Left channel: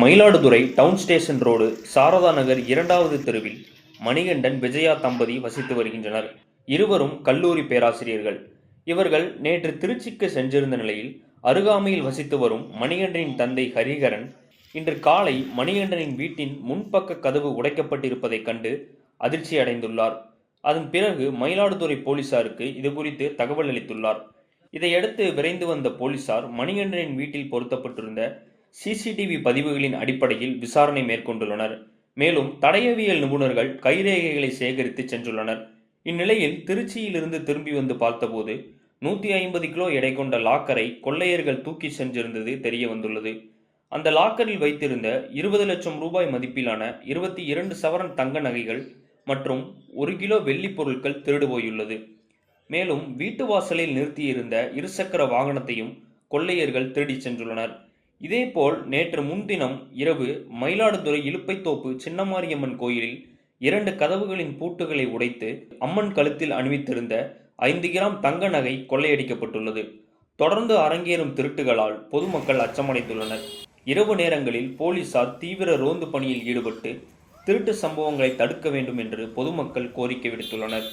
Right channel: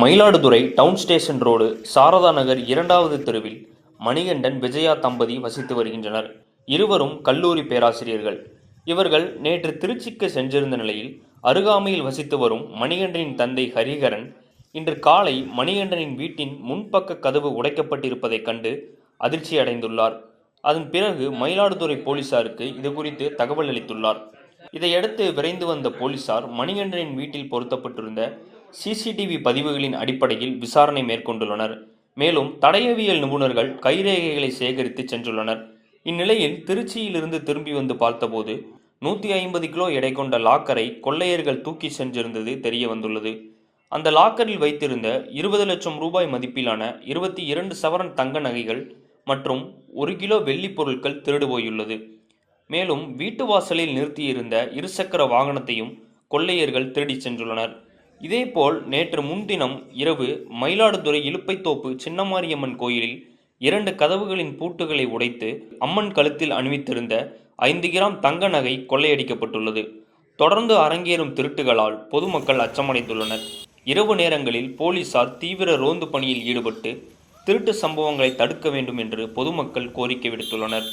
Mayiladuthurai town station road Sarada Nagar 2வது தெருவில் மணிகண்டன், விஜயா தம்பதி வசித்து வருகின்றனர். இருவரும் கல்லூரி பேராசிரியர்கள். இவர்கள் நேற்று திருச்சிக்கு சென்றிருந்த நிலையில் அருகாமையில் வசித்து வரும் மணிகண்டனின் தந்தை ஹரிஹரன் இன்று காலை மணிகண்டனின் வீட்டின் முன்பக்க கதவு உடைக்கப்பட்டிருப்பதைக் கண்டு அதிர்ச்சி அடைந்துள்ளார். அதன் பிறகு மயிலாடுதுறை போலீசாருக்கு இதுகுறித்து தகவல் அளித்துள்ளார். இதையடுத்து விரைந்து வந்த போலீசார் மணிகண்டனின் வீட்டில் பொருத்தப்பட்டிருந்த சிசிடிவி பதிவுகளின் அடிப்படையில் விசாரணை மேற்கொண்டுள்ளனர். மேலும் தடயவியல் நிபுணர்கள் கைரேகைகளை சேகரித்து சென்றுள்ளனர். இந்நிலையில் திருச்சியிலிருந்து திரும்பி வந்து பார்த்தபோது 150 கிலோ எடை கொண்ட லாக்கரை கொள்ளையர்கள் தூக்கி சென்றிருந்தது தெரிய வந்துள்ளது. அந்த லாக்கரில் வைத்திருந்த 20 லட்சம் ரூபாய் மதிப்பிலான 22 சவரன் தங்க நகைகள் மற்றும் 1 கிலோ வெள்ளி பொருட்கள் திருடு போயுள்ளது. மேலும் வீட்டு வாசலில் நிறுத்தியிருந்த இருசக்கர வாகனத்தையும் கொள்ளையர்கள் திருடிச் சென்றுள்ளனர். இதேபோல் நேற்று முன்தினம் இரவு மயிலாடுதுறை இலுப்பைத்தோப்பு சின்னமாரியம்மன் கோயிலில் 2 கதவுகளின் பூட்டுகளை உடைத்து அம்மன் கழுத்தில் அணிவித்திருந்த 5 கிராம் தங்க நகை கொள்ளையடிக்கப்பட்டுள்ளது. தொடர்ந்து அரங்கேறும் திருட்டுகளால் பொதுமக்கள் அச்சமடைந்துள்ளனர். இரவு நேரங்களில் போலீசார் தீவிர ரோந்து பணியில் ஈடுபட்டு திருட்டு சம்பவங்களை தடுக்க வேண்டும் என்று பொதுமக்கள் கோரிக்கை விடுத்துள்ளனர்.